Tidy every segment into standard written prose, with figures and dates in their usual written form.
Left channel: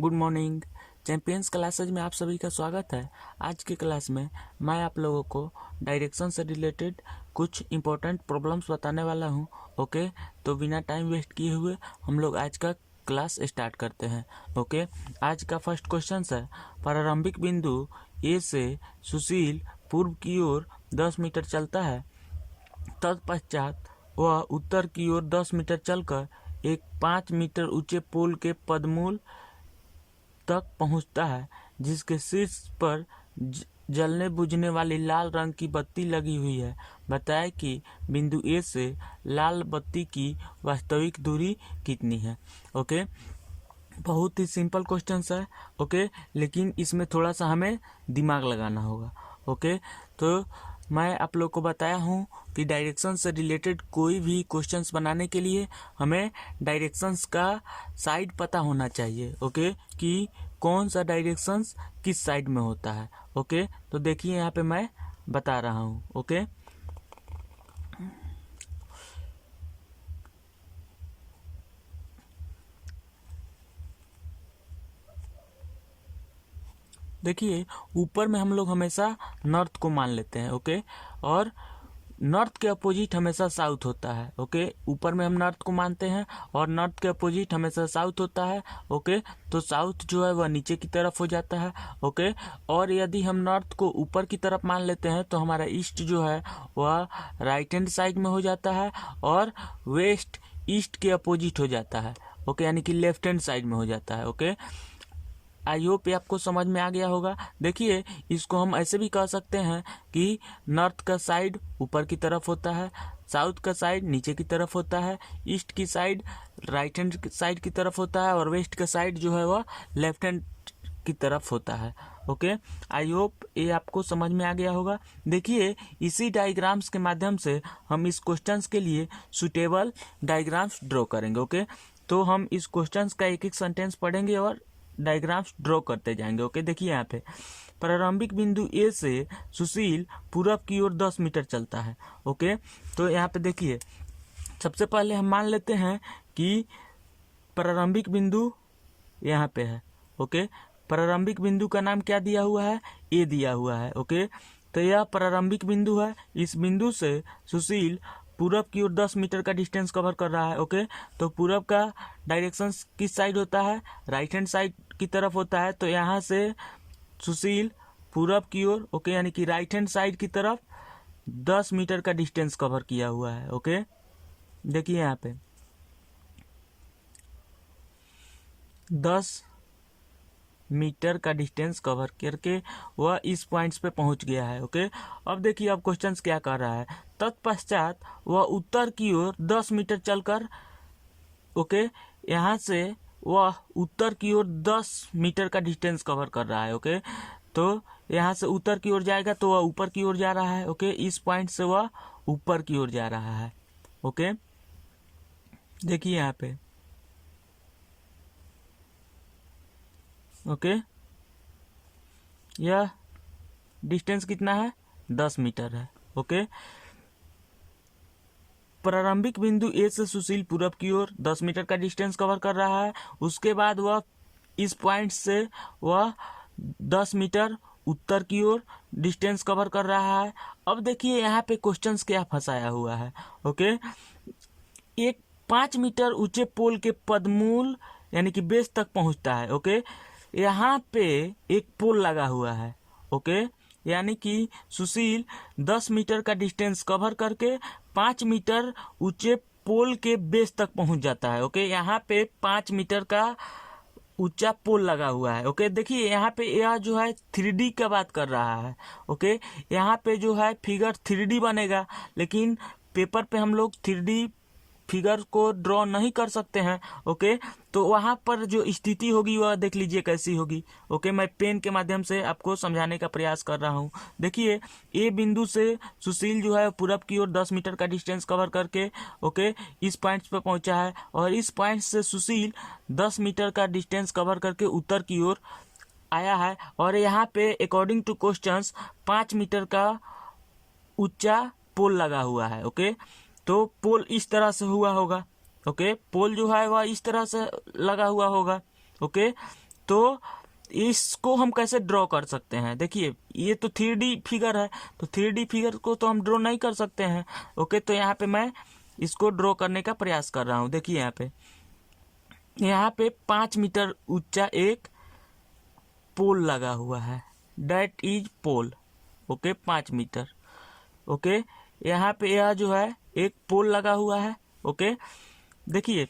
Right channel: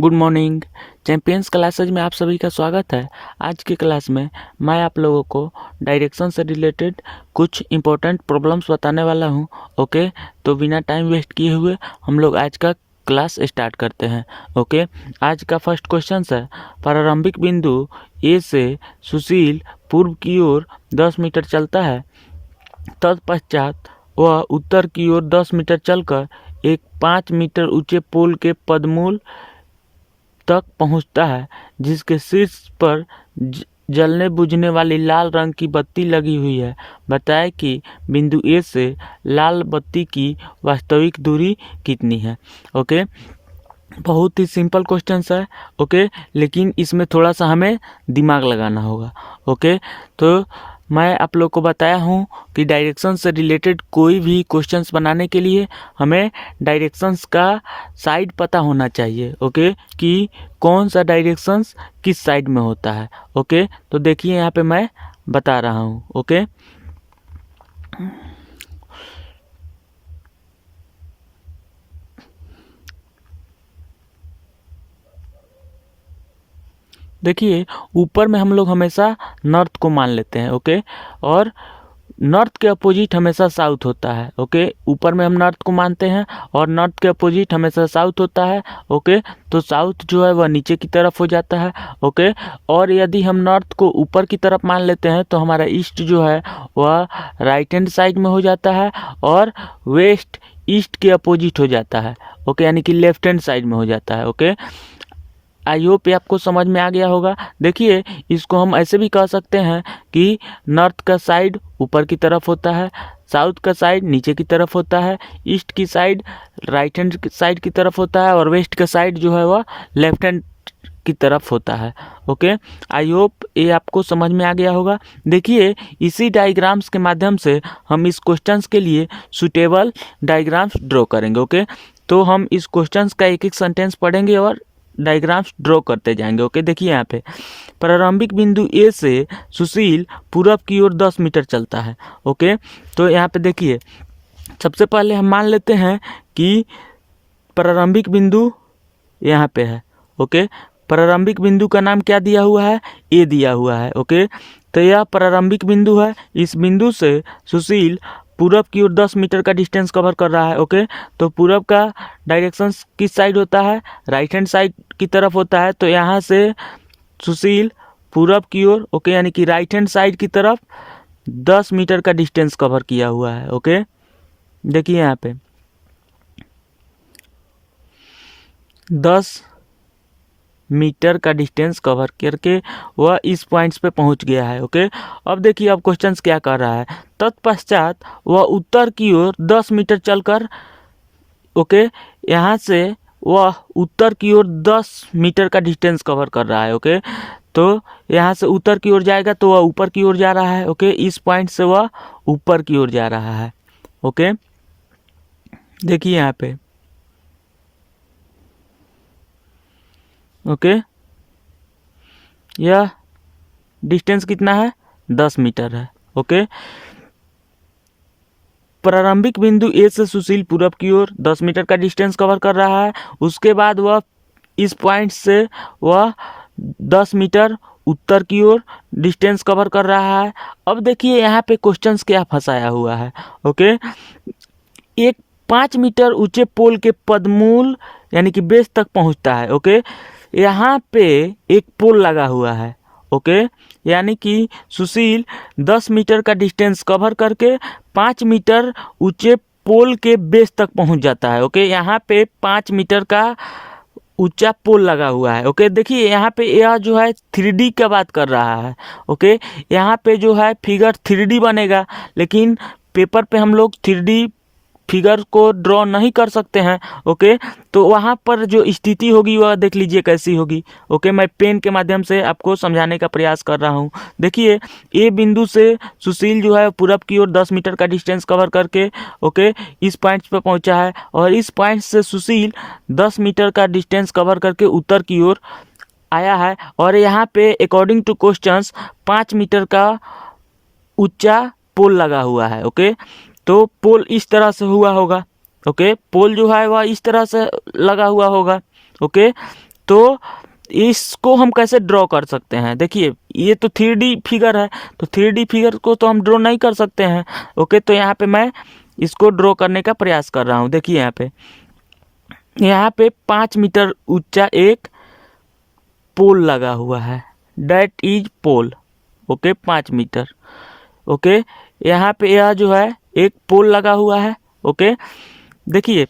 Good morning. Champions classes में आप सभी का स्वागत है। आज की क्लास में मैं आप लोगों को डायरेक्शन से रिलेटेड कुछ इम्पोर्टेंट प्रॉब्लम्स बताने वाला हूं। ओके, तो बिना टाइम वेस्ट किए हुए हम लोग आज का क्लास स्टार्ट करते हैं। ओके, आज का फर्स्ट क्वेश्चन है, प्रारंभिक बिंदु ए से सुशील पूर्व की ओर 10 मीटर चलता है। तत्पश्चात वह उत्तर की ओर 10 मीटर चलकर एक 5 मीटर ऊंचे पोल के पदमूल तक पहुंचता है, जिसके शीर्ष पर जलने बुझने वाली लाल रंग की बत्ती लगी हुई है। बताएं कि बिंदु ए से लाल बत्ती की वास्तविक दूरी कितनी है। ओके, बहुत ही सिंपल क्वेश्चन है। ओके, लेकिन इसमें थोड़ा सा हमें दिमाग लगाना होगा। ओके, तो मैं आप लोग को बताया हूँ कि डायरेक्शन से रिलेटेड कोई भी क्वेश्चंस बनाने के लिए हमें डायरेक्शंस का साइड पता होना चाहिए। ओके, कि कौन सा डायरेक्शंस किस साइड में होता है। ओके, तो देखिए यहाँ पे मैं बता रहा हूँ। ओके, देखिए ऊपर में हम लोग हमेशा नॉर्थ को मान लेते हैं। ओके, और नॉर्थ के अपोजिट हमेशा साउथ होता है। ओके, ऊपर में हम नॉर्थ को मानते हैं और नॉर्थ के अपोजिट हमेशा साउथ होता है। ओके, तो साउथ जो है वह नीचे की तरफ हो जाता है। ओके, और यदि हम नॉर्थ को ऊपर की तरफ मान लेते हैं तो हमारा ईस्ट जो है वह राइट हैंड साइड में हो जाता है और वेस्ट ईस्ट के अपोजिट हो जाता है। ओके, यानी कि लेफ्ट हैंड साइड में हो जाता है। ओके, आई होप ये आपको समझ में आ गया होगा। देखिए इसको हम ऐसे भी कह सकते हैं कि नॉर्थ का साइड ऊपर की तरफ होता है, साउथ का साइड नीचे की तरफ होता है, ईस्ट की साइड राइट हैंड साइड की तरफ होता है और वेस्ट का साइड जो है वह लेफ्ट हैंड की तरफ होता है। ओके, आई होप ये आपको समझ में आ गया होगा। देखिए इसी डायग्राम्स के माध्यम से हम इस क्वेश्चंस के लिए सुटेबल डायग्राम्स ड्रॉ करेंगे। ओके, तो हम इस क्वेश्चंस का एक एक सेंटेंस पढ़ेंगे और डायग्राम्स ड्रॉ करते जाएंगे। ओके, देखिए यहाँ पे प्रारंभिक बिंदु ए से सुशील पूरब की ओर 10 मीटर चलता है। ओके, तो यहाँ पे देखिए सबसे पहले हम मान लेते हैं कि प्रारंभिक बिंदु यहाँ पे है। ओके, प्रारंभिक बिंदु का नाम क्या दिया हुआ है, ए दिया हुआ है। ओके, तो यह प्रारंभिक बिंदु है। इस बिंदु से सुशील पूरब की ओर 10 मीटर का डिस्टेंस कवर कर रहा है। ओके, तो पूरब का डायरेक्शन किस साइड होता है, राइट हैंड साइड की तरफ होता है। तो यहाँ से सुशील पूरब की ओर, ओके, यानी कि राइट हैंड साइड की तरफ 10 मीटर का डिस्टेंस कवर किया हुआ है। ओके, देखिए यहाँ पे 10 मीटर का डिस्टेंस कवर करके वह इस पॉइंट्स पे पहुंच गया है। ओके, अब देखिए अब क्वेश्चंस क्या कर रहा है। तत्पश्चात वह उत्तर की ओर 10 मीटर चलकर, ओके, यहाँ से वह उत्तर की ओर 10 मीटर का डिस्टेंस कवर कर रहा है। ओके, तो यहाँ से उत्तर की ओर जाएगा तो वह ऊपर की ओर जा रहा है। ओके, इस पॉइंट से वह ऊपर की ओर जा रहा है। ओके, देखिए यहाँ पे, ओके, यह डिस्टेंस कितना है, 10 मीटर है। ओके, प्रारंभिक बिंदु ए से सुशील पूरब की ओर 10 मीटर का डिस्टेंस कवर कर रहा है। उसके बाद वह इस पॉइंट से वह 10 मीटर उत्तर की ओर डिस्टेंस कवर कर रहा है। अब देखिए यहाँ पे क्वेश्चंस क्या फंसाया हुआ है। ओके, एक 5 मीटर ऊंचे पोल के पदमूल यानी कि बेस तक पहुंचता है। ओके, यहाँ पे एक पोल लगा हुआ है। ओके, यानी कि सुशील 10 मीटर का डिस्टेंस कवर करके 5 मीटर ऊंचे पोल के बेस तक पहुंच जाता है। ओके, यहाँ पे 5 मीटर का ऊंचा पोल लगा हुआ है। ओके, देखिए यहाँ पे यह जो है 3D का बात कर रहा है। ओके, यहाँ पे जो है फिगर 3D बनेगा, लेकिन पेपर पे हम लोग 3D फिगर को ड्रॉ नहीं कर सकते हैं। ओके, तो वहाँ पर जो स्थिति होगी वह देख लीजिए कैसी होगी। ओके, मैं पेन के माध्यम से आपको समझाने का प्रयास कर रहा हूँ। देखिए ए बिंदु से सुशील जो है पूरब की ओर 10 मीटर का डिस्टेंस कवर करके, ओके, इस पॉइंट पे पहुंचा है और इस पॉइंट से सुशील 10 मीटर का डिस्टेंस कवर करके उत्तर की ओर आया है और यहाँ पे अकॉर्डिंग टू क्वेश्चंस 5 मीटर का ऊंचा पोल लगा हुआ है। ओके, तो पोल इस तरह से हुआ होगा। ओके, पोल जो है वह इस तरह से लगा हुआ होगा। ओके, तो इसको हम कैसे ड्रॉ कर सकते हैं? देखिए ये तो 3D फिगर है, तो 3D फिगर को तो हम ड्रॉ नहीं कर सकते हैं। ओके, तो यहाँ पे मैं इसको ड्रॉ करने का प्रयास कर रहा हूँ। देखिए यहाँ पे 5 मीटर ऊंचा एक पोल लगा हुआ है, that is pole. Okay, 5 metre. Okay, यहाँ पे यह जो है एक पोल लगा हुआ है। ओके, देखिए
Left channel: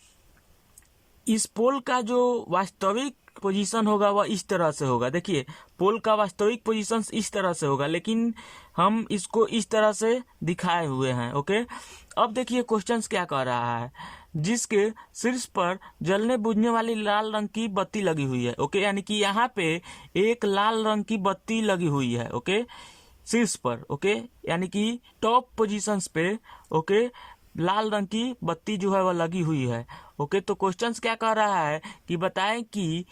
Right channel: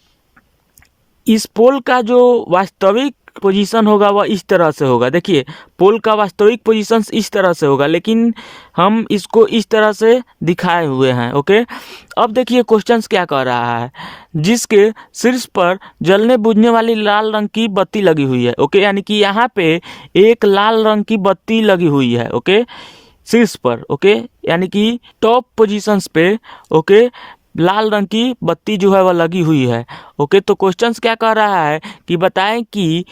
इस पोल का जो वास्तविक पोजीशन होगा वह इस तरह से होगा। देखिए पोल का वास्तविक पोजीशन इस तरह से होगा, लेकिन हम इसको इस तरह से दिखाए हुए हैं। ओके, अब देखिए क्वेश्चंस क्या कह रहा है, जिसके शीर्ष पर जलने बुझने वाली लाल रंग की बत्ती लगी हुई है। ओके, यानी कि यहाँ पे एक लाल रंग की बत्ती लगी हुई है। ओके, शीर्ष पर। ओके, यानी कि टॉप पोजीशंस पे ओके लाल रंग की बत्ती जो है वह लगी हुई है। ओके, तो क्वेश्चंस क्या कह रहा है कि बताएं कि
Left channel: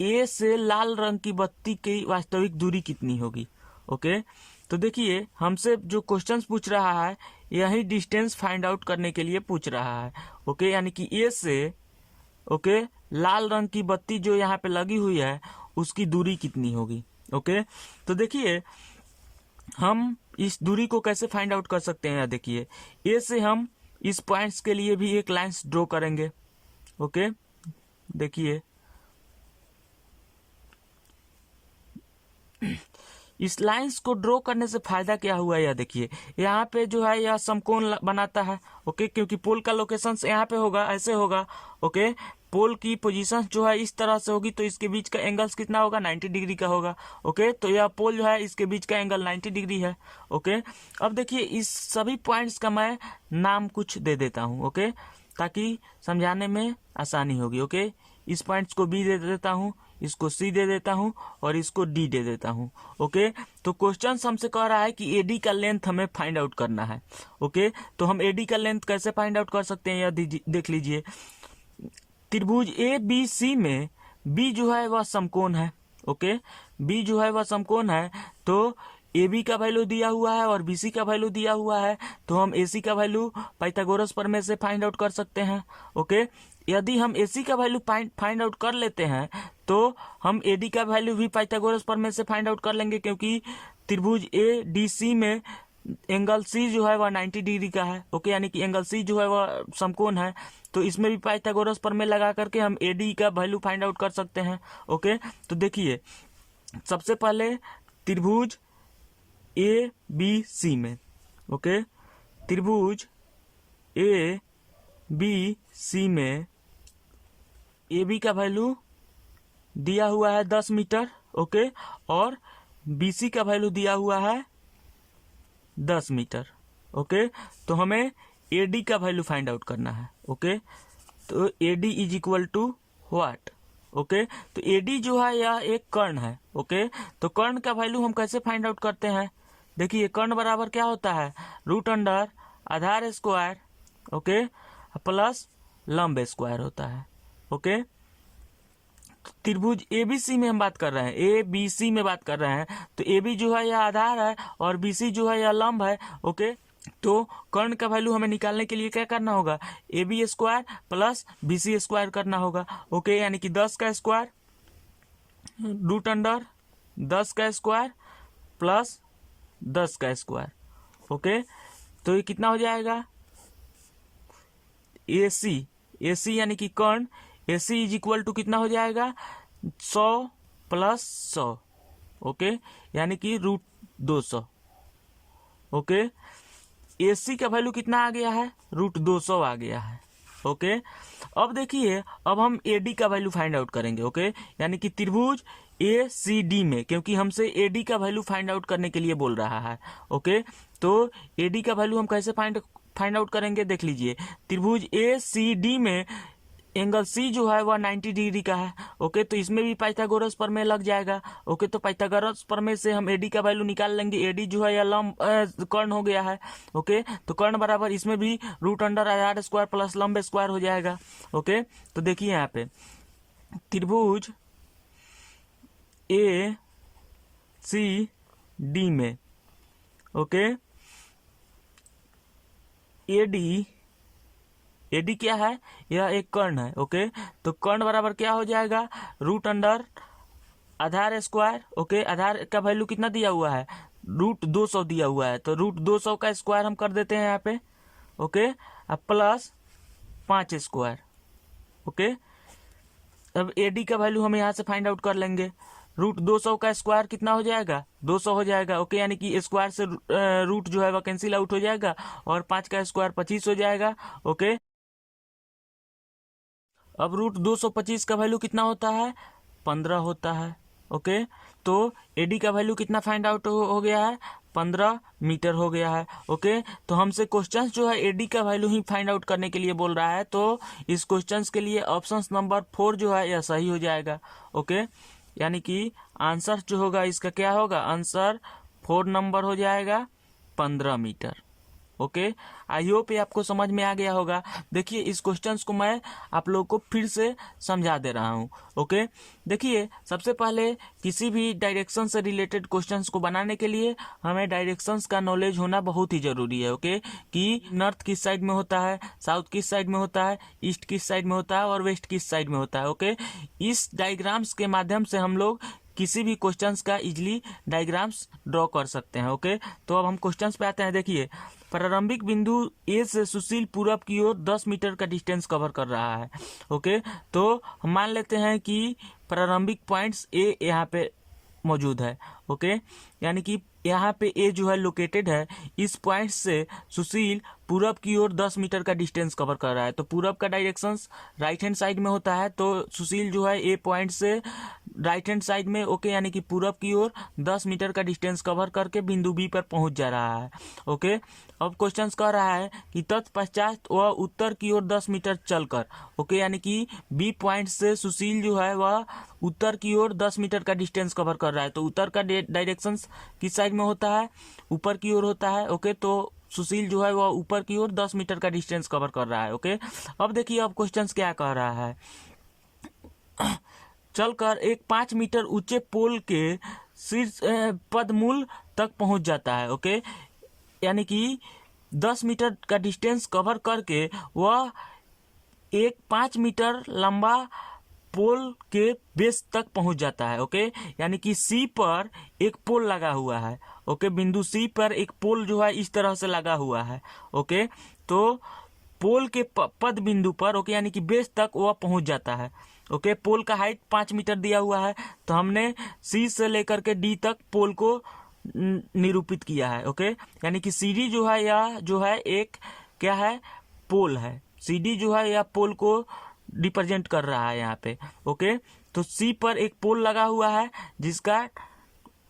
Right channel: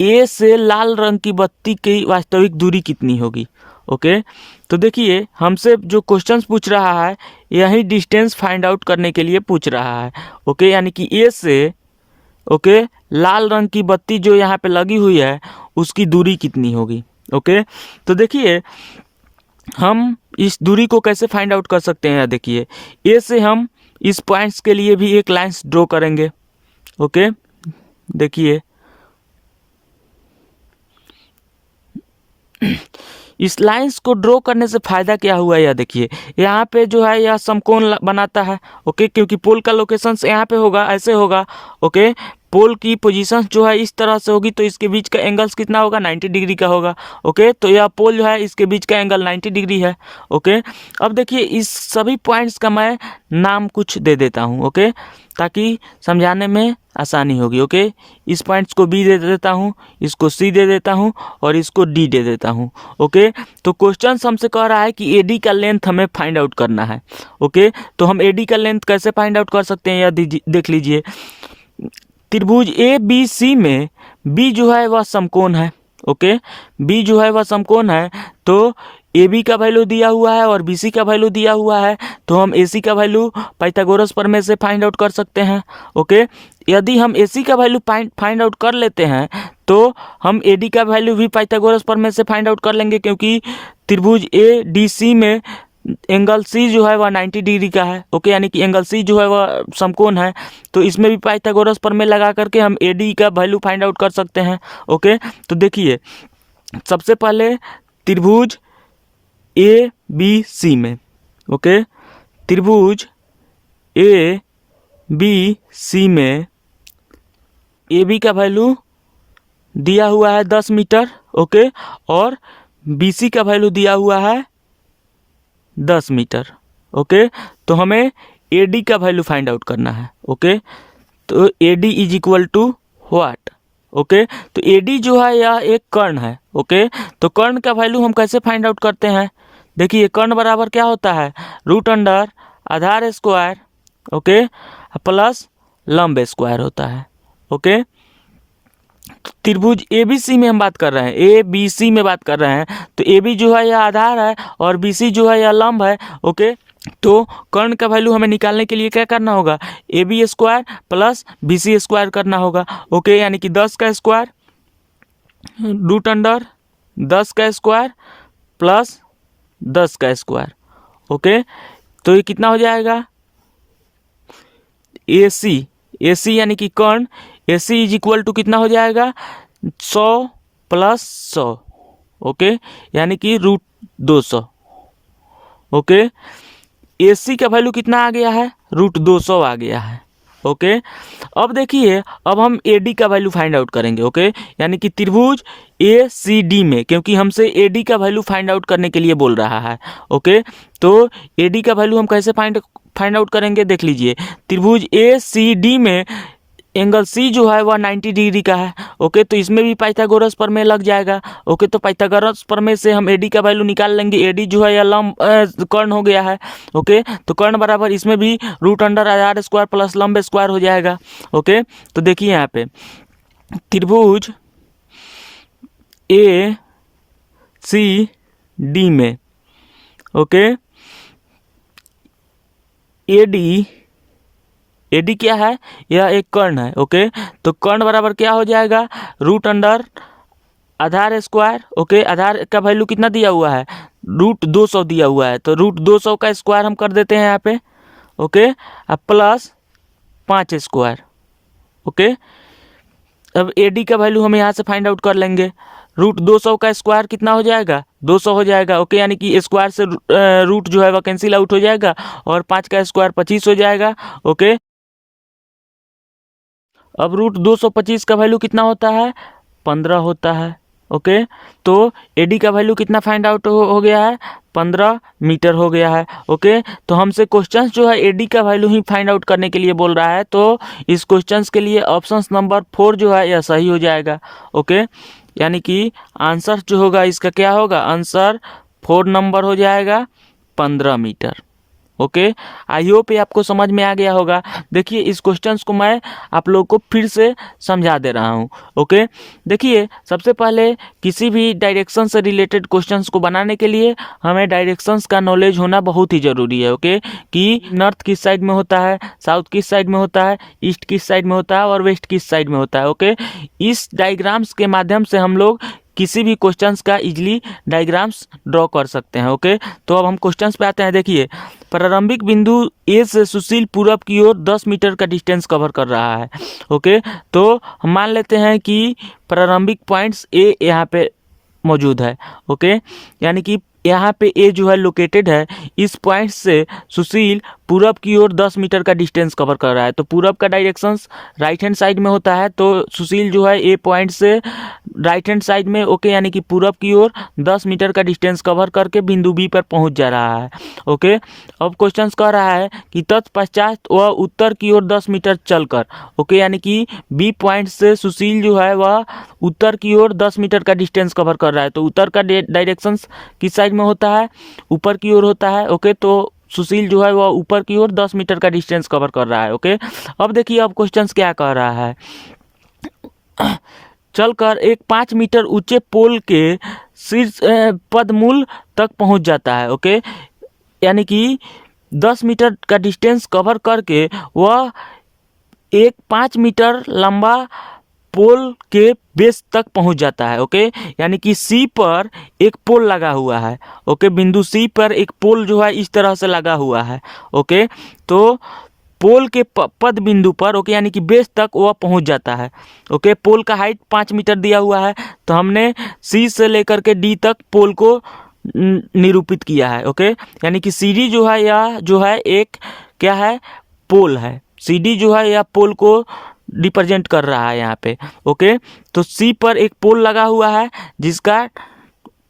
ए से लाल रंग की बत्ती की वास्तविक दूरी कितनी होगी। ओके, तो देखिए हमसे जो क्वेश्चंस पूछ रहा है यही डिस्टेंस फाइंड आउट करने के लिए पूछ रहा है। ओके, यानी कि ए से ओके लाल रंग की बत्ती जो यहाँ पे लगी हुई है उसकी दूरी कितनी होगी। ओके, तो देखिए हम इस दूरी को कैसे फाइंड आउट कर सकते हैं। देखिए ए से हम इस पॉइंट्स के लिए भी एक लाइंस ड्रॉ करेंगे। ओके, देखिए इस लाइंस को ड्रॉ करने से फ़ायदा क्या हुआ यह देखिए, यहाँ पे जो है यह समकोण बनाता है। ओके, क्योंकि पोल का लोकेशन यहाँ पे होगा, ऐसे होगा। ओके, पोल की पोजीशन जो है इस तरह से होगी, तो इसके बीच का एंगल्स कितना होगा, 90 डिग्री का होगा। ओके, तो यह पोल जो है इसके बीच का एंगल 90 डिग्री है। ओके, अब देखिए इस सभी पॉइंट्स का मैं नाम कुछ दे देता हूँ। ओके, ताकि समझाने में आसानी होगी। ओके, इस पॉइंट्स को बी दे देता हूँ, इसको सी दे देता हूँ और इसको डी दे देता हूँ। ओके, तो क्वेश्चन हमसे कह रहा है कि एडी का लेंथ हमें फाइंड आउट करना है। ओके, तो हम एडी का लेंथ कैसे फाइंड आउट कर सकते हैं, यह देख लीजिए। त्रिभुज ए बी सी में बी जो है वह समकोण है। ओके, बी जो है वह समकोण है, तो ए बी का वैल्यू दिया हुआ है और बी सी का वैल्यू दिया हुआ है, तो हम ए सी का वैल्यू पाइथागोरस प्रमेय से फाइंड आउट कर सकते हैं। ओके, यदि हम ए सी का वैल्यू फाइंड आउट कर लेते हैं तो हम ए डी का वैल्यू भी पाइथागोरस प्रमेय से फाइंड आउट कर लेंगे, क्योंकि त्रिभुज ए डी सी में एंगल सी जो है वह 90 डिग्री का है। ओके, यानी कि एंगल सी जो है वह समकोण है, तो इसमें भी पाइथागोरस प्रमेय लगा करके हम ए डी का वैल्यू फाइंड आउट कर सकते हैं। ओके, तो देखिए सबसे पहले त्रिभुज ए बी सी में ओके त्रिभुज ए बी सी में ए बी का वैल्यू दिया हुआ है 10 मीटर। ओके, और बी सी का वैल्यू दिया हुआ है 10 मीटर। ओके, तो हमें ए डी का वैल्यू फाइंड आउट करना है। ओके, तो A D is equal to what. Okay, तो ए डी जो है यह एक कर्ण है। ओके, तो कर्ण का वैल्यू हम कैसे फाइंड आउट करते हैं, देखिए कर्ण बराबर क्या होता है, रूट अंडर आधार स्क्वायर ओके प्लस लंब स्क्वायर होता है। ओके, त्रिभुज ए बी सी में हम बात कर रहे हैं, ए बी सी में बात कर रहे हैं, तो ए बी जो है यह आधार है और बी सी जो है यह लंब है। ओके, तो कर्ण का वैल्यू हमें निकालने के लिए क्या करना होगा, A B square plus B C square करना होगा। ओके, यानी कि 10 का स्क्वायर रूट अंडर 10 का स्क्वायर प्लस 10 का स्क्वायर। ओके, तो ये कितना हो जाएगा, ए सी यानी कि कर्ण ए सी इज इक्वल टू कितना हो जाएगा 100 प्लस 100। ओके, यानी कि रूट 200। ओके, ए सी का वैल्यू कितना आ गया है, रूट 200 आ गया है। ओके, अब देखिए अब हम ए डी का वैल्यू फाइंड आउट करेंगे। ओके, यानी कि त्रिभुज ए सी डी में, क्योंकि हमसे ए डी का वैल्यू फाइंड आउट करने के लिए बोल रहा है। ओके, तो ए डी का वैल्यू हम कैसे फाइंड आउट करेंगे, देख लीजिए त्रिभुज ए सी डी में एंगल सी जो है वह 90 डिग्री का है। ओके, तो इसमें भी पाइथागोरस प्रमेय लग जाएगा। ओके, तो पाइथागोरस प्रमेय से हम एडी का वैल्यू निकाल लेंगे, एडी जो है यह लंब कर्ण हो गया है। ओके, तो कर्ण बराबर इसमें भी रूट अंडर आधार स्क्वायर प्लस लंब स्क्वायर हो जाएगा। ओके, तो देखिए यहाँ पे त्रिभुज ए सी डी में ओके AD क्या है, यह एक कर्ण है। ओके, तो कर्ण बराबर क्या हो जाएगा, रूट अंडर आधार स्क्वायर। ओके, आधार का वैल्यू कितना दिया हुआ है, रूट 200 दिया हुआ है, तो रूट 200 का स्क्वायर हम कर देते हैं यहाँ पे। ओके, अब प्लस 5 स्क्वायर। ओके, अब AD का वैल्यू हम यहाँ से फाइंड आउट कर लेंगे। रूट 200 का स्क्वायर कितना हो जाएगा, 200 हो जाएगा। ओके, यानी कि स्क्वायर से रूट जो है वह कैंसिल आउट हो जाएगा और 5 का स्क्वायर 25 हो जाएगा। ओके, अब रूट 225 का वैल्यू कितना होता है, 15 होता है। ओके, तो AD का वैल्यू कितना फाइंड आउट हो गया है, 15 मीटर हो गया है। ओके, तो हमसे क्वेश्चंस जो है AD का वैल्यू ही फाइंड आउट करने के लिए बोल रहा है, तो इस क्वेश्चंस के लिए ऑप्शंस नंबर 4 जो है यह सही हो जाएगा। ओके, यानी कि आंसर जो होगा इसका क्या होगा, आंसर 4 नंबर हो जाएगा, 15 मीटर। ओके, आई होप ये आपको समझ में आ गया होगा। देखिए, इस क्वेश्चंस को मैं आप लोग को फिर से समझा दे रहा हूँ। ओके, देखिए, सबसे पहले किसी भी डायरेक्शन से रिलेटेड क्वेश्चंस को बनाने के लिए हमें डायरेक्शंस का नॉलेज होना बहुत ही ज़रूरी है। ओके, कि नॉर्थ किस साइड में होता है, साउथ किस साइड में होता है, ईस्ट किस साइड में होता है और वेस्ट किस साइड में होता है। ओके, इस डायग्राम्स के माध्यम से हम लोग किसी भी क्वेश्चंस का इजीली डायग्राम्स ड्रॉ कर सकते हैं। ओके, तो अब हम क्वेश्चंस पे आते हैं। देखिए, प्रारंभिक बिंदु A से सुशील पूरब की ओर 10 मीटर का डिस्टेंस कवर कर रहा है। ओके, तो हम मान लेते हैं कि प्रारंभिक पॉइंट्स A यहाँ पे मौजूद है। ओके, यानी कि यहाँ पे A जो है लोकेटेड है, इस पॉइंट से सुशील पूरब की ओर 10 मीटर का डिस्टेंस कवर कर रहा है। तो पूरब का डायरेक्शंस राइट हैंड साइड में होता है, तो सुशील जो है A पॉइंट से राइट हैंड साइड में, ओके, यानी कि पूरब की ओर 10 मीटर का डिस्टेंस कवर करके बिंदु B पर पहुंच जा रहा है। ओके, अब क्वेश्चन कह रहा है कि तत्पश्चात वह उत्तर की ओर 10 मीटर चलकर, ओके, यानी कि B पॉइंट से सुशील जो है वह उत्तर की ओर 10 मीटर का डिस्टेंस कवर कर रहा है। तो उत्तर का डायरेक्शन किस साइड में होता है, ऊपर की ओर होता है। ओके, तो सुशील जो है वह ऊपर की ओर 10 मीटर का डिस्टेंस कवर कर रहा है। ओके, अब देखिए, अब क्वेश्चंस क्या कह रहा है, चलकर एक 5 मीटर ऊंचे पोल के शीर्ष पदमूल तक पहुंच जाता है। ओके, यानी कि 10 मीटर का डिस्टेंस कवर करके वह एक 5 मीटर लंबा पोल के बेस तक पहुंच जाता है। ओके, यानी कि C पर एक पोल लगा हुआ है। ओके, बिंदु C पर एक पोल जो है इस तरह से लगा हुआ है। ओके, तो पोल के पद बिंदु पर, ओके, यानी कि बेस तक वह पहुंच जाता है। ओके, पोल का हाइट 5 मीटर दिया हुआ है, तो हमने C से लेकर के D तक पोल को निरूपित किया है। ओके, यानी कि CD जो है या जो है एक क्या है, पोल है। CD जो है या पोल को रिप्रेजेंट कर रहा है यहाँ पे। ओके, तो C पर एक पोल लगा हुआ है जिसका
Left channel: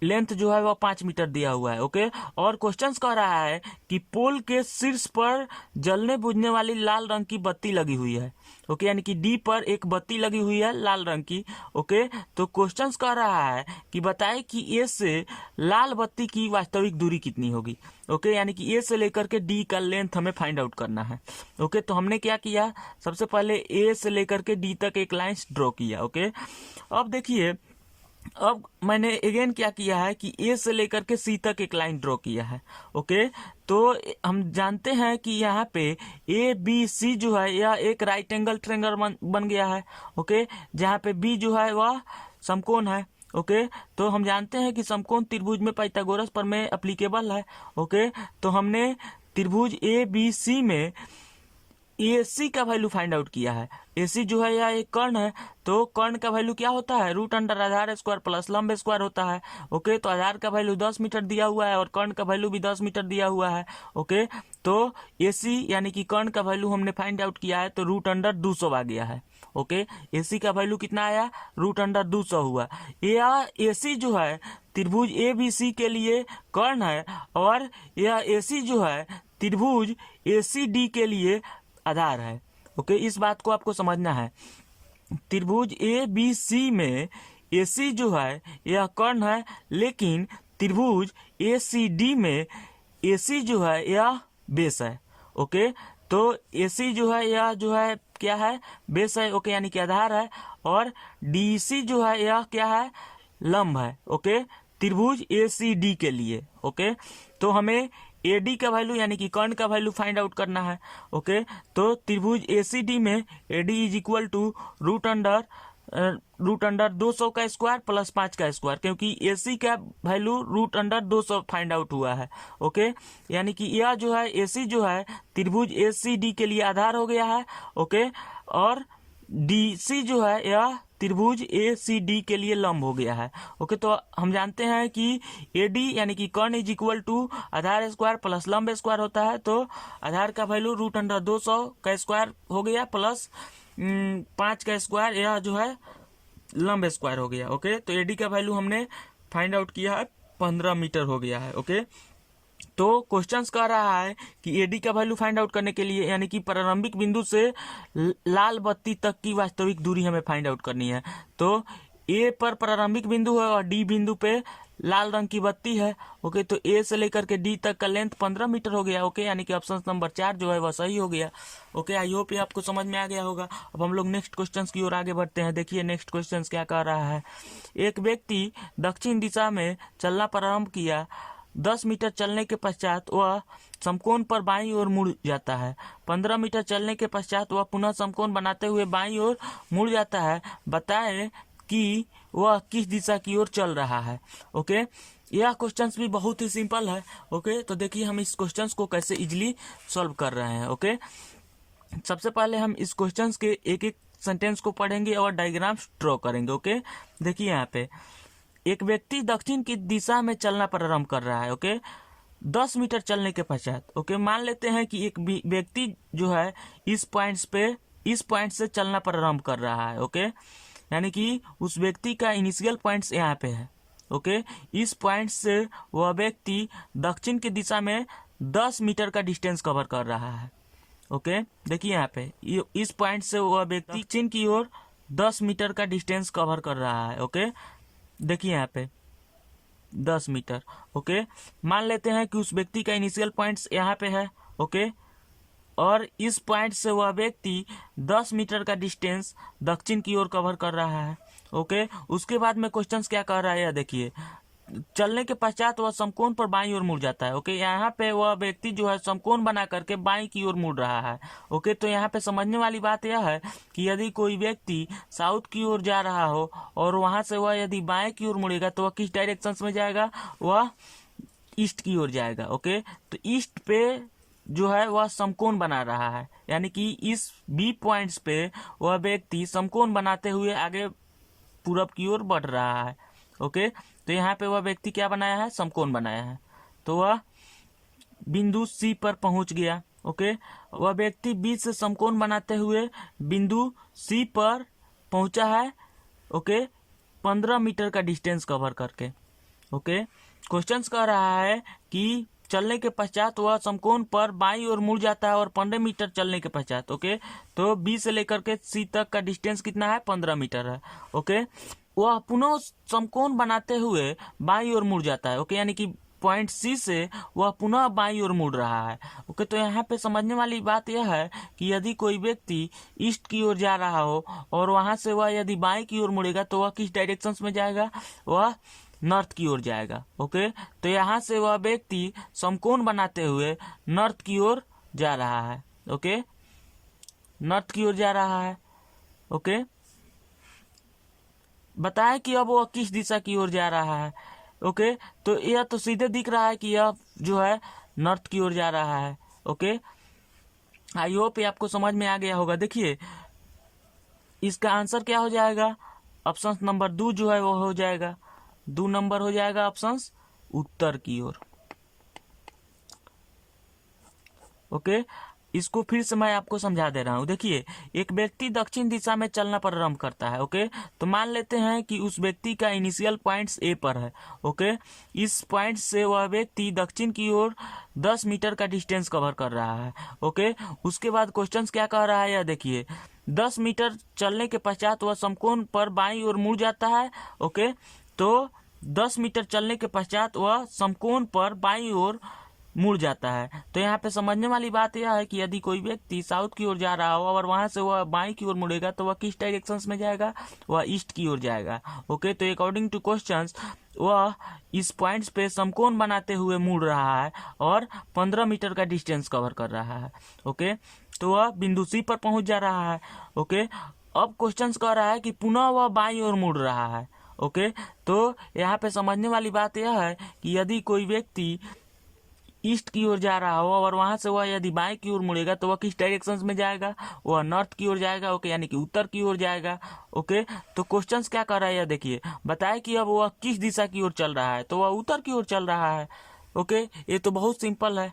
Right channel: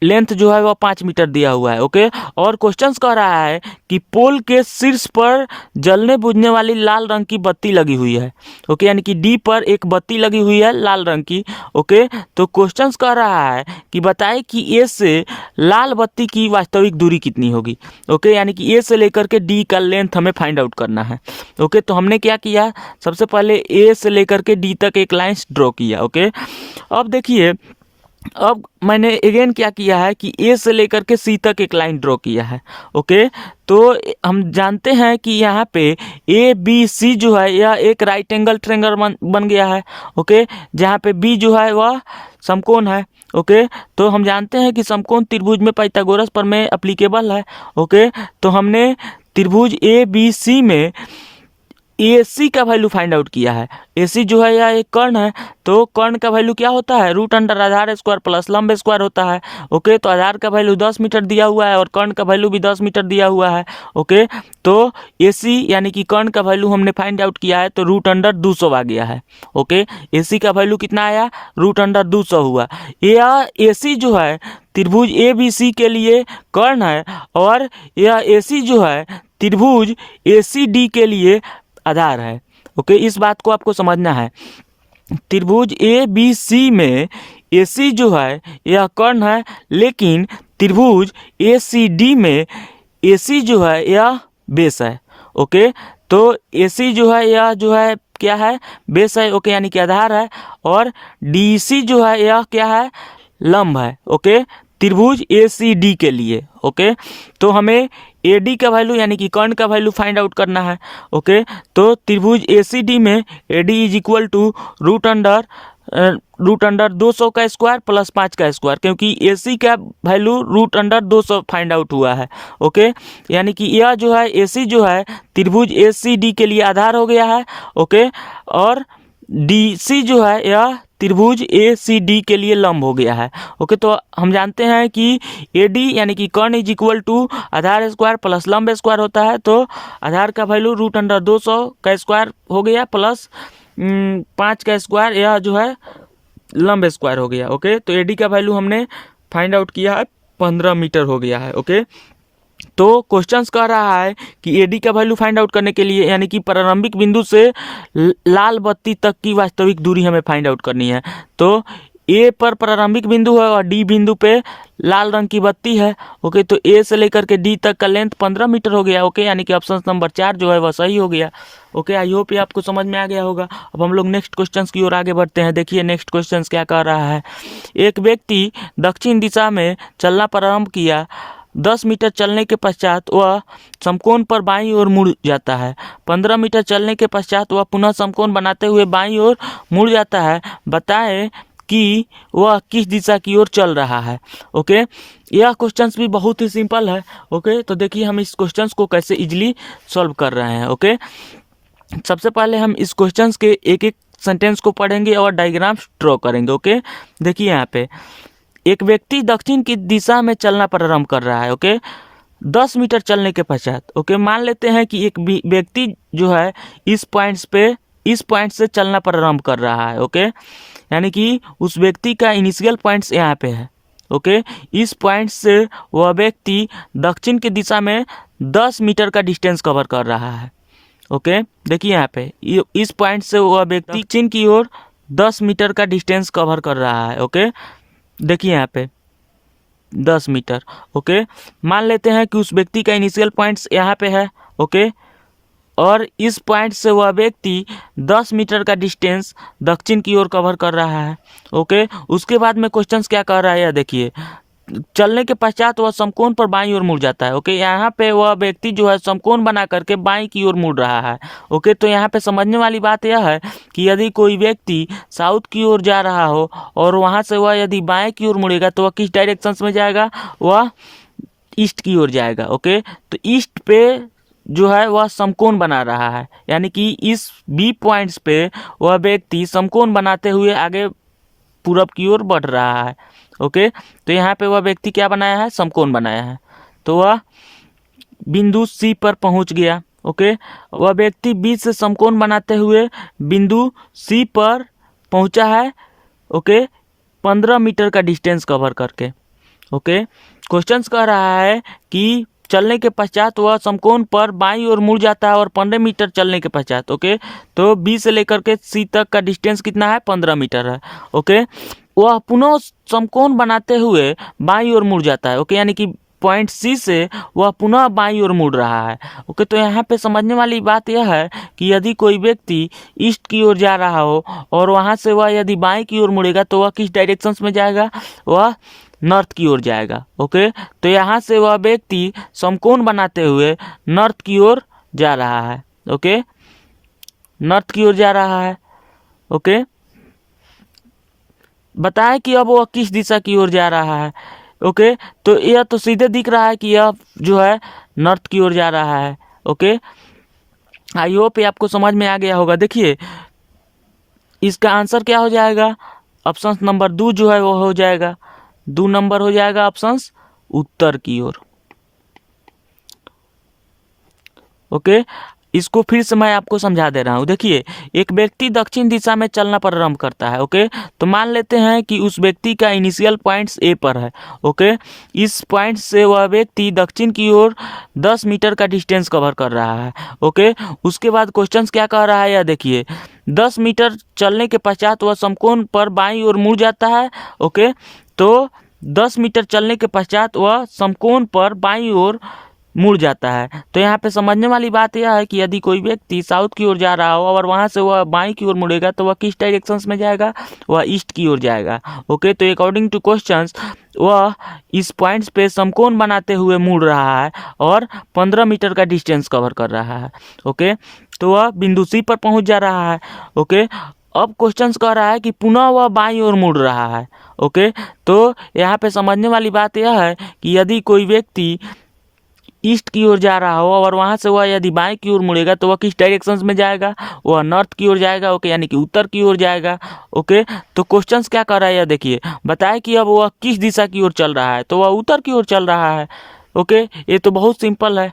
लेंथ जो है वह 5 मीटर दिया हुआ है। ओके, और क्वेश्चंस कह रहा है कि पोल के शीर्ष पर जलने बुझने वाली लाल रंग की बत्ती लगी हुई है। ओके, यानी कि D पर एक बत्ती लगी हुई है लाल रंग की। ओके, तो क्वेश्चंस कह रहा है कि बताए कि A से लाल बत्ती की वास्तविक दूरी कितनी होगी। ओके, यानी कि A से लेकर के D का लेंथ हमें फाइंड आउट करना है। ओके, तो हमने क्या किया, सबसे पहले A से लेकर के D तक एक लाइन ड्रॉ किया। ओके, अब देखिए, अब मैंने अगेन क्या किया है कि A से लेकर के C तक एक लाइन ड्रॉ किया है। ओके, तो हम जानते हैं कि यहाँ पे ABC जो है यह एक राइट एंगल ट्रायंगल बन गया है। ओके, जहाँ पे B जो है वह समकोण है। ओके, तो हम जानते हैं कि समकोण त्रिभुज में पाइथागोरस प्रमेय एप्लीकेबल है। ओके, तो हमने त्रिभुज ABC में AC का वैल्यू फाइंड आउट किया है। AC जो है यह एक कर्ण है, तो कर्ण का वैल्यू क्या होता है, रूट अंडर आधार स्क्वायर प्लस लंब स्क्वायर होता है। ओके, तो आधार का वैल्यू 10 मीटर दिया हुआ है और कर्ण का वैल्यू भी 10 मीटर दिया हुआ है। ओके, तो AC यानी कि कर्ण का वैल्यू हमने फाइंड आउट किया है, तो रूट अंडर 200 आ गया है। ओके, AC का वैल्यू कितना आया, रूट अंडर 200 हुआ। यह AC जो है त्रिभुज ABC के लिए कर्ण है और यह AC जो है त्रिभुज ACD के लिए आधार है। ओके, इस बात को आपको समझना है। त्रिभुज ABC में AC जो है यह कर्ण है, लेकिन त्रिभुज ACD में AC जो है यह बेस है। ओके, तो AC जो है यह जो है क्या है, बेस है। ओके, यानी कि आधार है, और DC जो है यह क्या है, लंब है। ओके, त्रिभुज ACD के लिए। ओके, तो हमें AD का वैल्यू यानी कि कर्ण का वैल्यू फाइंड आउट करना है। ओके, तो त्रिभुज ACD में AD is equal to root under 200 का स्क्वायर प्लस 5 का स्क्वायर, क्योंकि AC का value root under 200 find out हुआ है। ओके, यानी कि यह जो है AC जो है त्रिभुज ACD के लिए आधार हो गया है। ओके, और DC जो है यह त्रिभुज ACD के लिए लंब हो गया है। ओके, तो हम जानते हैं कि AD यानी कि कर्ण इज इक्वल टू आधार स्क्वायर प्लस लंब स्क्वायर होता है। तो आधार का वैल्यू रूट अंडर 200 का स्क्वायर हो गया प्लस 5 का स्क्वायर, यह जो है लंब स्क्वायर हो गया। ओके, तो AD का वैल्यू हमने फाइंड आउट किया है 15 मीटर हो गया है। ओके, तो क्वेश्चंस कह रहा है कि AD का वैल्यू फाइंड आउट करने के लिए यानी कि प्रारंभिक बिंदु से लाल बत्ती तक की वास्तविक दूरी हमें फाइंड आउट करनी है। तो A पर प्रारंभिक बिंदु है और D बिंदु पे लाल रंग की बत्ती है। ओके, तो A से लेकर के D तक का लेंथ 15 मीटर हो गया। ओके, यानी कि ऑप्शन नंबर 4 जो है वह सही हो गया। ओके, आई होप ये आपको समझ में आ गया होगा। अब हम लोग नेक्स्ट क्वेश्चंस की ओर आगे बढ़ते हैं। देखिए नेक्स्ट क्वेश्चंस क्या कह रहा है। एक व्यक्ति दक्षिण दिशा में चलना प्रारंभ किया। 10 मीटर चलने के पश्चात वह समकोण पर बाईं ओर मुड़ जाता है। 15 मीटर चलने के पश्चात वह पुनः समकोण बनाते हुए बाईं ओर मुड़ जाता है। बताएं कि वह किस दिशा की ओर चल रहा है। ओके, यह क्वेश्चंस भी बहुत ही सिंपल है। ओके, तो देखिए हम इस क्वेश्चंस को कैसे इजीली सॉल्व कर रहे हैं। ओके, सबसे पहले हम इस क्वेश्चंस के एक एक सेंटेंस को पढ़ेंगे और डायग्राम्स ड्रॉ करेंगे। ओके, देखिए यहाँ पे एक व्यक्ति दक्षिण की दिशा में चलना प्रारंभ कर रहा है। ओके, 10 मीटर चलने के पश्चात ओके, मान लेते हैं कि एक व्यक्ति जो है इस पॉइंट से चलना प्रारंभ कर रहा है। ओके, यानी कि उस व्यक्ति का इनिशियल पॉइंट्स यहाँ पे है। ओके, इस पॉइंट से वह व्यक्ति दक्षिण की दिशा में 10 मीटर का डिस्टेंस कवर कर रहा है। ओके, देखिए यहाँ पे इस पॉइंट से वह व्यक्ति दक्षिण की ओर 10 मीटर का डिस्टेंस कवर कर रहा है। ओके, देखिए यहाँ पे 10 मीटर। ओके, मान लेते हैं कि उस व्यक्ति का इनिशियल पॉइंट्स यहाँ पे है। ओके, और इस पॉइंट से वह व्यक्ति 10 मीटर का डिस्टेंस दक्षिण की ओर कवर कर रहा है। ओके, उसके बाद में क्वेश्चंस क्या कह रहा है, देखिए चलने के पश्चात वह समकोण पर बाईं ओर मुड़ जाता है। ओके, यहाँ पे वह व्यक्ति जो है समकोण बना करके बाईं की ओर मुड़ रहा है। ओके, तो यहाँ पे समझने वाली बात यह है कि यदि कोई व्यक्ति साउथ की ओर जा रहा हो और वहाँ से वह यदि बाएं की ओर मुड़ेगा तो वह किस डायरेक्शन में जाएगा, वह ईस्ट की ओर जाएगा। ओके, तो ईस्ट पे जो है वह समकोण बना रहा है, यानी कि इस B पॉइंट्स पे वह व्यक्ति समकोण बनाते हुए आगे पूरब की ओर बढ़ रहा है। ओके, तो यहाँ पे वह व्यक्ति क्या बनाया है, समकोण बनाया है। तो वह बिंदु C पर पहुंच गया। ओके, वह व्यक्ति B से समकोण बनाते हुए बिंदु C पर पहुंचा है। ओके, 15 मीटर का डिस्टेंस कवर करके। ओके, क्वेश्चंस कह रहा है कि चलने के पश्चात वह समकोण पर बाईं ओर मुड़ जाता है और 15 मीटर चलने के पश्चात। ओके, तो B से लेकर के C तक का डिस्टेंस कितना है, 15 मीटर है। ओके, वह पुनः समकोण बनाते हुए बाईं ओर मुड़ जाता है। ओके, यानी कि पॉइंट C से वह पुनः बाईं ओर मुड़ रहा है। ओके, तो यहाँ पे समझने वाली बात यह है कि यदि कोई व्यक्ति ईस्ट की ओर जा रहा हो और वहाँ से वह यदि बाएं की ओर मुड़ेगा तो वह किस डायरेक्शन में जाएगा, वह नॉर्थ की ओर जाएगा। ओके, तो यहाँ से वह व्यक्ति समकोण बनाते हुए नॉर्थ की ओर जा रहा है। ओके, नॉर्थ की ओर जा रहा है। ओके, बताएं कि अब वह किस दिशा की ओर जा रहा है। ओके, तो यह तो सीधे दिख रहा है कि यह जो है नॉर्थ की ओर जा रहा है। ओके, आई होप ये आपको समझ में आ गया होगा। देखिए इसका आंसर क्या हो जाएगा, ऑप्शन नंबर 2 जो है वो हो जाएगा, 2 नंबर हो जाएगा ऑप्शन उत्तर की ओर। ओके, इसको फिर से मैं आपको समझा दे रहा हूँ। देखिए एक व्यक्ति दक्षिण दिशा में चलना प्रारंभ करता है। ओके, तो मान लेते हैं कि उस व्यक्ति का इनिशियल पॉइंट्स A पर है। ओके, इस पॉइंट से वह व्यक्ति दक्षिण की ओर 10 मीटर का डिस्टेंस कवर कर रहा है। ओके, उसके बाद क्वेश्चंस क्या कह रहा है, यह देखिए 10 मीटर चलने के पश्चात वह समकोण पर बाईं ओर मुड़ जाता है। ओके, तो 10 मीटर चलने के पश्चात वह समकोण पर बाईं ओर मुड़ जाता है। तो यहाँ पे समझने वाली बात यह है कि यदि कोई व्यक्ति साउथ की ओर जा रहा हो और वहाँ से वह बाएं की ओर मुड़ेगा तो वह किस डायरेक्शंस में जाएगा, वह ईस्ट की ओर जाएगा। ओके, तो अकॉर्डिंग टू क्वेश्चंस वह इस पॉइंट्स पे समकोण बनाते हुए मुड़ रहा है और 15 मीटर का डिस्टेंस कवर कर रहा है। ओके, तो वह बिंदु सी पर पहुंच जा रहा है। ओके, अब क्वेश्चंस कह रहा है कि पुनः वह बाईं ओर मुड़ रहा है। ओके, तो यहाँ पे समझने वाली बात यह है कि यदि कोई व्यक्ति ईस्ट की ओर जा रहा हो और वहाँ से वह यदि बाएं की ओर मुड़ेगा तो वह किस डायरेक्शंस में जाएगा, वह नॉर्थ की ओर जाएगा। ओके, यानी कि उत्तर की ओर जाएगा। ओके, तो क्वेश्चंस क्या कर रहा है, यह देखिए, बताए कि अब वह किस दिशा की ओर चल रहा है, तो वह उत्तर की ओर चल रहा है। ओके, ये तो बहुत सिंपल है।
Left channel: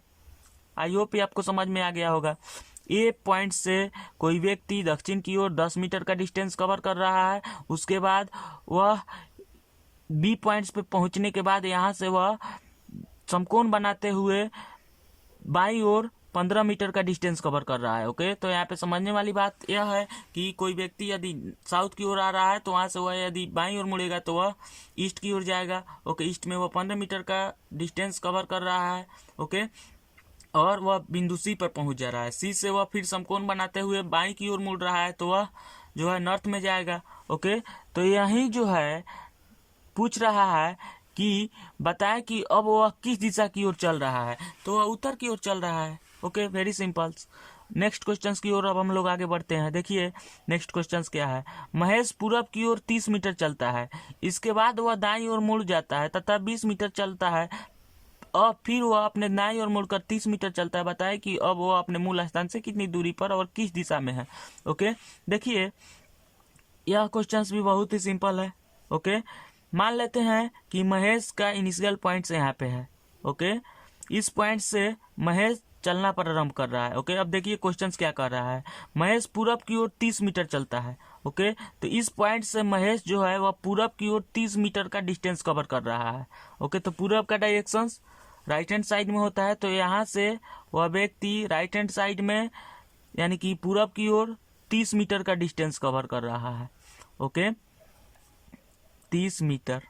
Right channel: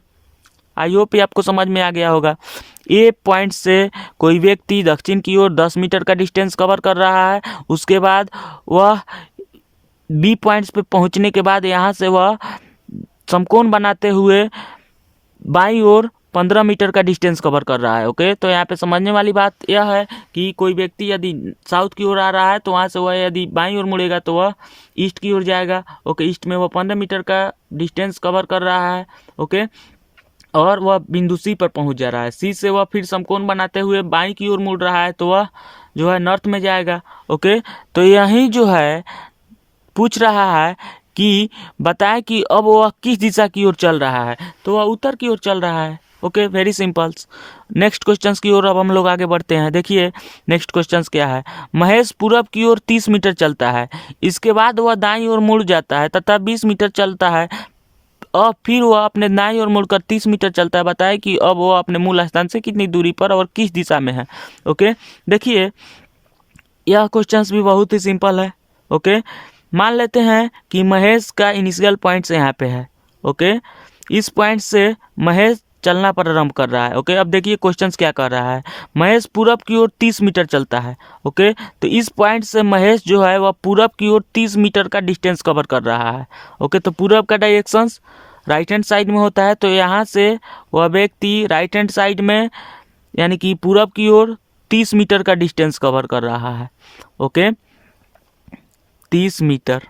आई होप ये आपको समझ में आ गया होगा। ए पॉइंट से कोई व्यक्ति दक्षिण की ओर 10 मीटर का डिस्टेंस कवर कर रहा है। उसके बाद वह बी पॉइंट्स पे पहुंचने के बाद यहाँ से वह समकोण बनाते हुए बाईं ओर 15 मीटर का डिस्टेंस कवर कर रहा है। ओके, तो यहाँ पे समझने वाली बात यह है कि कोई व्यक्ति यदि साउथ की ओर आ रहा है तो वहाँ से वह यदि बाईं ओर मुड़ेगा तो वह ईस्ट की ओर जाएगा। ओके, ईस्ट में वह 15 मीटर का डिस्टेंस कवर कर रहा है। ओके, और वह बिंदु सी पर पहुंच जा रहा है। सी से वह फिर समकोण बनाते हुए बाईं की ओर मुड़ रहा है तो वह जो है नॉर्थ में जाएगा। ओके, तो यही जो है पूछ रहा है कि बताएं कि अब वह किस दिशा की ओर चल रहा है, तो वह उत्तर की ओर चल रहा है। Okay, very simple. Next questions की ओर अब हम लोग आगे बढ़ते हैं। देखिए नेक्स्ट क्वेश्चंस क्या है। महेश पूरब की ओर 30 मीटर चलता है, इसके बाद वह दाईं ओर मुड़ जाता है तथा 20 मीटर चलता है और फिर वह अपने दाईं ओर मुड़कर 30 मीटर चलता है। बताए कि अब वह अपने मूल स्थान से कितनी दूरी पर और किस दिशा में है। ओके, देखिए यह क्वेश्चंस भी बहुत ही सिंपल है। ओके, मान लेते हैं कि महेश का इनिशियल पॉइंट यहाँ पे है। ओके, इस पॉइंट से महेश चलना प्रारंभ कर रहा है। ओके, अब देखिए क्वेश्चंस क्या कर रहा है। महेश पूरब की ओर 30 मीटर चलता है। ओके, तो इस पॉइंट से महेश जो है वह पूरब की ओर 30 मीटर का डिस्टेंस कवर कर रहा है। ओके, तो पूरब का डायरेक्शंस राइट हैंड साइड में होता है, तो यहाँ से वह व्यक्ति राइट हैंड साइड में यानी कि पूरब की ओर 30 मीटर का डिस्टेंस कवर कर रहा है। Okay, 30 metre.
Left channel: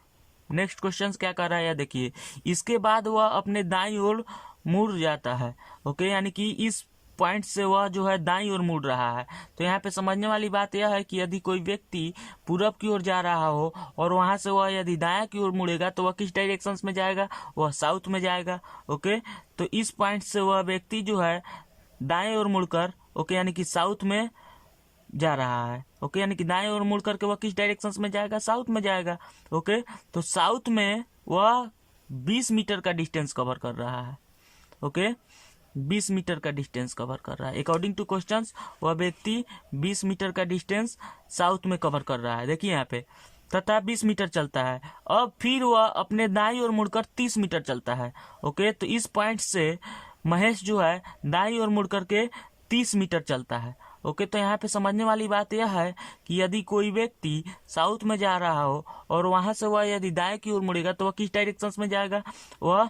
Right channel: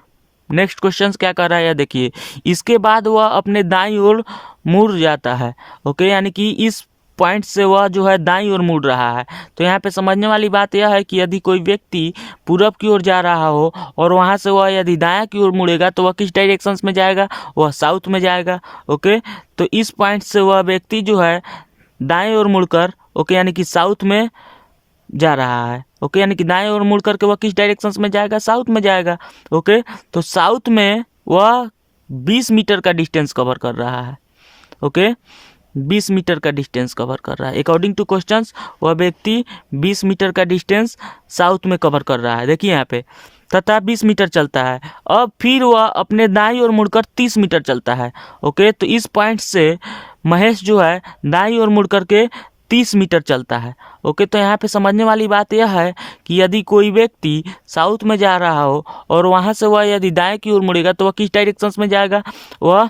नेक्स्ट क्वेश्चन क्या कर रहा है, देखिए, इसके बाद वह अपने दाईं ओर मुड़ जाता है। ओके, यानी कि इस पॉइंट से वह जो है दाईं ओर मुड़ रहा है। तो यहाँ पे समझने वाली बात यह है कि यदि कोई व्यक्ति पूरब की ओर जा रहा हो और वहाँ से वह यदि दायां की ओर मुड़ेगा तो वह किस डायरेक्शंस में जाएगा, वह साउथ में जाएगा। ओके, तो इस पॉइंट से वह व्यक्ति जो है दाएं ओर मुड़कर ओके यानी कि साउथ में जा रहा है। ओके, यानी कि दाएं ओर मुड़ करके वह किस डायरेक्शंस में जाएगा, साउथ में जाएगा। ओके, तो साउथ में वह 20 मीटर का डिस्टेंस कवर कर रहा है। ओके, 20 मीटर का डिस्टेंस कवर कर रहा है। अकॉर्डिंग टू क्वेश्चंस वह व्यक्ति 20 मीटर का डिस्टेंस साउथ में कवर कर रहा है। देखिए यहाँ पे तथा 20 मीटर चलता है। अब फिर वह अपने दाईं ओर मुड़कर 30 मीटर चलता है। ओके, तो इस पॉइंट से महेश जो है दाईं ओर मुड़ करके 30 मीटर चलता है। ओके, तो यहाँ पे समझने वाली बात यह है कि यदि कोई व्यक्ति साउथ में जा रहा हो और वहाँ से वह यदि दाएं की ओर मुड़ेगा तो वह किस डायरेक्शंस में जाएगा, वह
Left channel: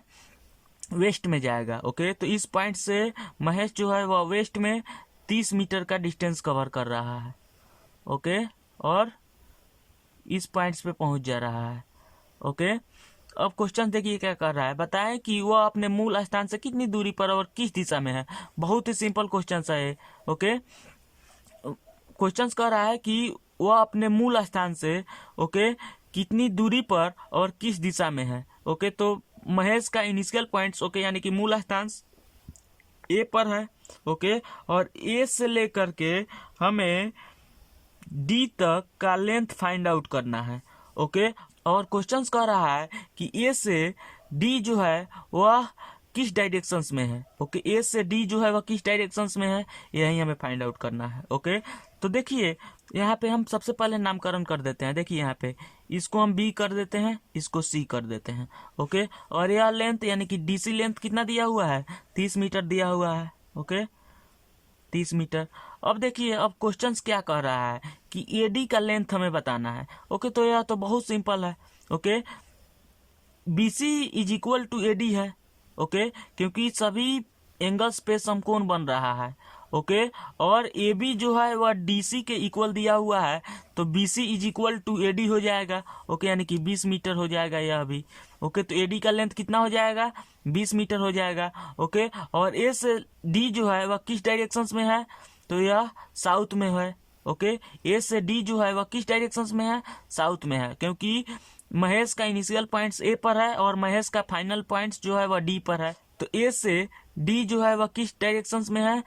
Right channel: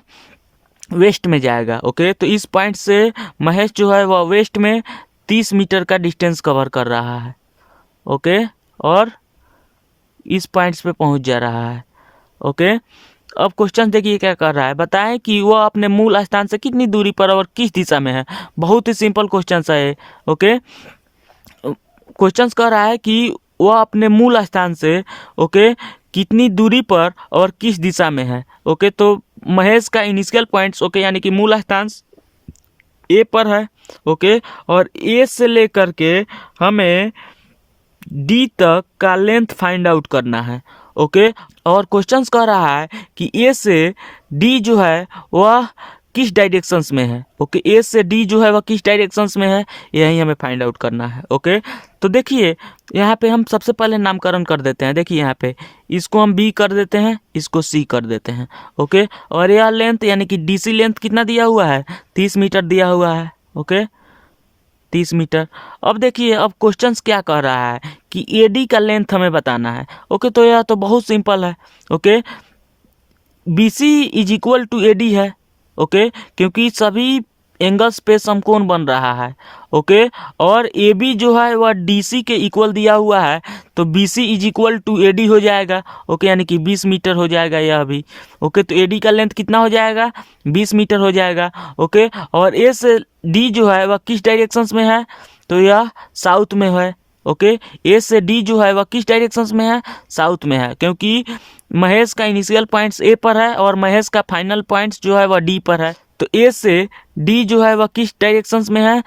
वेस्ट में जाएगा। ओके, तो इस पॉइंट से महेश जो है वह वेस्ट में 30 मीटर का डिस्टेंस कवर कर रहा है। ओके, और इस पॉइंट्स पे पहुंच जा रहा है। ओके, अब क्वेश्चन देखिए क्या कर रहा है, बताएं कि वह अपने मूल स्थान से कितनी दूरी पर और किस दिशा में है। बहुत ही सिंपल क्वेश्चन है। ओके, क्वेश्चन कह रहा है कि वह अपने मूल स्थान से ओके कितनी दूरी पर और किस दिशा में है। ओके, तो महेश का इनिशियल पॉइंट्स ओके यानी कि मूल स्थान ए पर है। ओके, और ए से लेकर के हमें डी तक का लेंथ फाइंड आउट करना है। ओके, और क्वेश्चंस कह रहा है कि ए से डी जो है वह किस डायरेक्शंस में है। ओके, ए से डी जो है वह किस डायरेक्शंस में है, यही हमें फाइंड आउट करना है। ओके, तो देखिए यहाँ पे हम सबसे पहले नामकरण कर देते हैं। देखिए यहाँ पे इसको हम बी कर देते हैं, इसको सी कर देते हैं। ओके, और यह लेंथ यानी कि डी सी लेंथ कितना दिया हुआ है, 30 मीटर दिया हुआ है। Okay, 30 metre. अब देखिए अब क्वेश्चंस क्या कह रहा है कि एडी का लेंथ हमें बताना है। ओके, तो यह तो बहुत सिंपल है। Okay, B C is equal to A D है। ओके, क्योंकि सभी एंगल्स पे समकोण बन रहा है। ओके, और ए बी जो है वह डी सी के इक्वल दिया हुआ है, तो B C is equal to A D हो जाएगा। ओके, यानी कि 20 मीटर हो जाएगा यह भी। ओके, तो ए डी का लेंथ कितना हो जाएगा, 20 मीटर हो जाएगा। ओके, और ए से डी जो है वह किस डायरेक्शंस में है, तो यह साउथ में है। ओके, ए से डी जो है वह किस डायरेक्शंस में है, साउथ में है, क्योंकि महेश का इनिशियल पॉइंट्स ए पर है और महेश का फाइनल पॉइंट्स जो है वह डी पर है। तो ए से डी जो है वह किस डायरेक्शंस में है,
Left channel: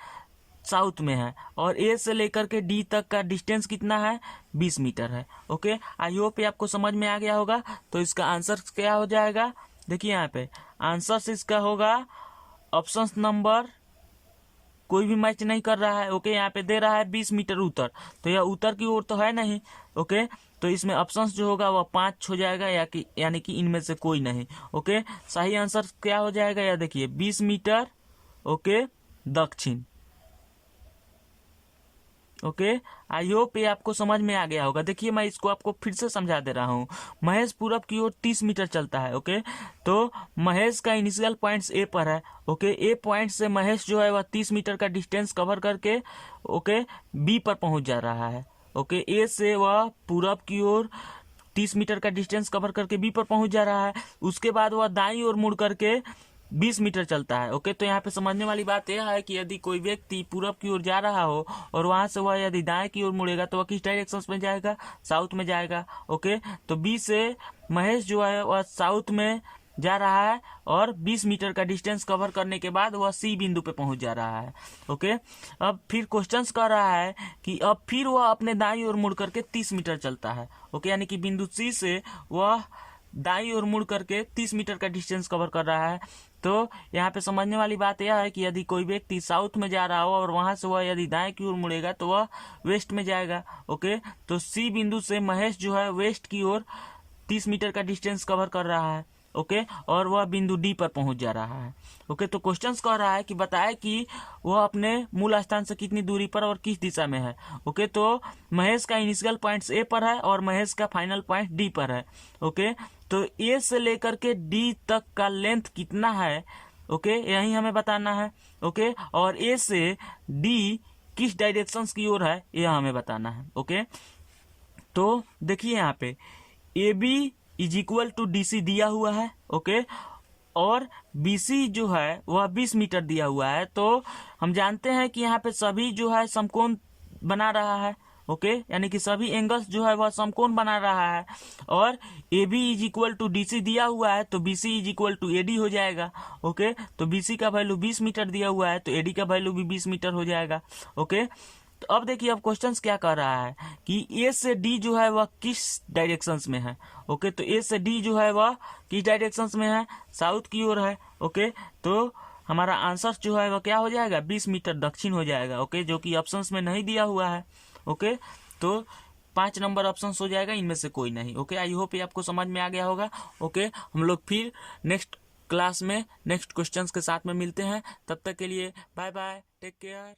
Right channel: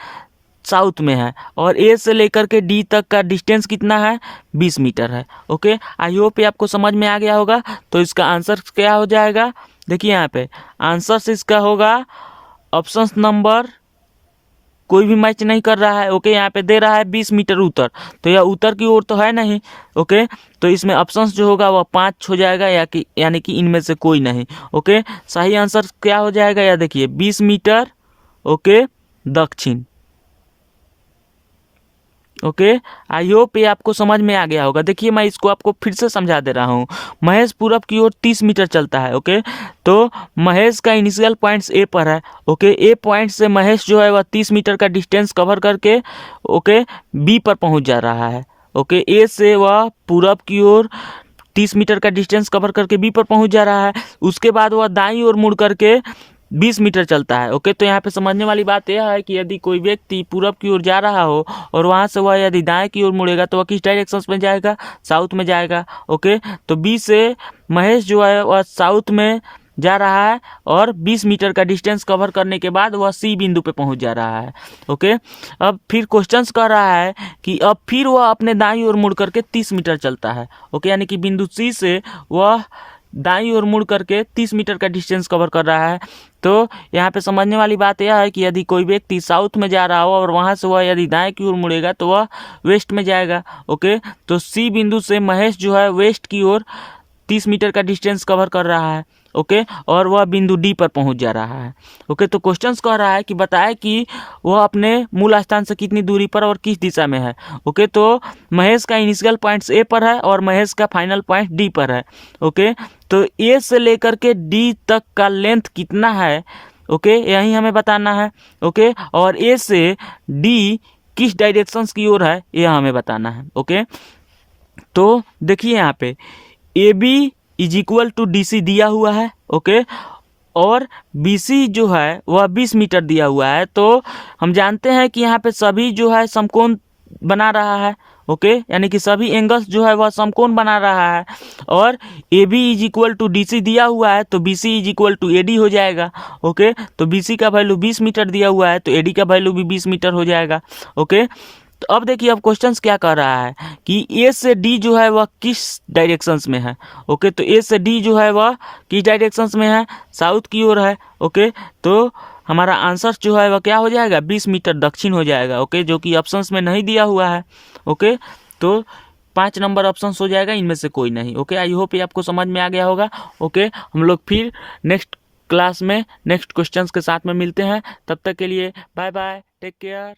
साउथ में है, और ए से लेकर के डी तक का डिस्टेंस कितना है, 20 मीटर है। ओके, आई होप ये आपको समझ में आ गया होगा। तो इसका आंसर क्या हो जाएगा, देखिए यहाँ पे आंसर इसका होगा ऑप्शन नंबर, कोई भी मैच नहीं कर रहा है। ओके, यहाँ पे दे रहा है 20 मीटर उत्तर, तो यह उत्तर की ओर तो है नहीं। ओके, तो इसमें ऑप्शंस जो होगा वह 5 हो जाएगा, यानी कि इनमें से कोई नहीं। ओके, सही आंसर क्या हो जाएगा, या देखिए 20 मीटर। ओके, दक्षिण। ओके, आई होप ये आपको समझ में आ गया होगा। देखिए मैं इसको आपको फिर से समझा दे रहा हूँ। महेश पूरब की ओर 30 मीटर चलता है। ओके, तो महेश का इनिशियल पॉइंट्स ए पर है। ओके, ए पॉइंट से महेश जो है वह 30 मीटर का डिस्टेंस कवर करके ओके बी पर पहुँच जा रहा है। ओके, ए से वह पूरब की ओर 30 मीटर का डिस्टेंस कवर करके बी पर पहुँच जा रहा है। उसके बाद वह दाईं ओर मुड़ करके 20 मीटर चलता है। ओके, तो यहाँ पे समझने वाली बात यह है कि यदि कोई व्यक्ति पूरब की ओर जा रहा हो और वहाँ से वह यदि दाएं की ओर मुड़ेगा तो वह किस डायरेक्शन में जाएगा, साउथ में जाएगा। ओके, तो बी से महेश जो है वह साउथ में जा रहा है और 20 मीटर का डिस्टेंस कवर करने के बाद वह सी बिंदु पे पहुंच जा रहा है। ओके, अब फिर क्वेश्चंस कह रहा है कि अब फिर वह अपने दाईं ओर मुड़ करके 30 मीटर चलता है। ओके, यानी कि बिंदु सी से वह दाईं ओर मुड़ करके 30 मीटर का डिस्टेंस कवर कर रहा है। तो यहाँ पे समझने वाली बात यह है कि यदि कोई व्यक्ति साउथ में जा रहा हो और वहाँ से वह यदि दाएं की ओर मुड़ेगा तो वह वेस्ट में जाएगा। ओके, तो सी बिंदु से महेश जो है वेस्ट की ओर 30 मीटर का डिस्टेंस कवर कर रहा है। ओके, और वह बिंदु डी पर पहुंच जा रहा है। ओके, तो क्वेश्चंस कह रहा है कि बताए कि वह अपने मूल स्थान से कितनी दूरी पर और किस दिशा में है। ओके, तो महेश का इनिशियल पॉइंट्स ए पर है और महेश का फाइनल पॉइंट डी पर है। ओके, तो ए से लेकर के डी तक का लेंथ कितना है, ओके, यही हमें बताना है। ओके, और ए से डी किस डायरेक्शंस की ओर है यह हमें बताना है। ओके, तो देखिए यहाँ पे A B is equal to D C दिया हुआ है। ओके, और बी सी जो है वह 20 मीटर दिया हुआ है। तो हम जानते हैं कि यहाँ पे सभी जो है समकोण बना रहा है। ओके, यानी कि सभी एंगल्स जो है वह समकोण बना रहा है, और A B is equal to D C दिया हुआ है तो B C is equal to A D हो जाएगा। ओके, तो बी सी का वैल्यू 20 मीटर दिया हुआ है तो ए डी का वैल्यू भी 20 मीटर हो जाएगा। ओके, तो अब देखिए अब क्वेश्चंस क्या कर रहा है कि ए से डी जो है वह किस डायरेक्शंस में है। ओके, तो ए से डी जो है वह किस डायरेक्शंस में है, साउथ की ओर है। ओके, तो हमारा आंसर जो है वह क्या हो जाएगा, 20 मीटर दक्षिण हो जाएगा। ओके, जो कि ऑप्शंस में नहीं दिया हुआ है। ओके, तो 5 नंबर ऑप्शंस हो जाएगा, इनमें से कोई नहीं। ओके, आई होप ये आपको समझ में आ गया होगा। ओके, हम लोग फिर नेक्स्ट क्लास में नेक्स्ट क्वेश्चंस के साथ में मिलते हैं। तब तक के लिए बाय बाय, टेक केयर।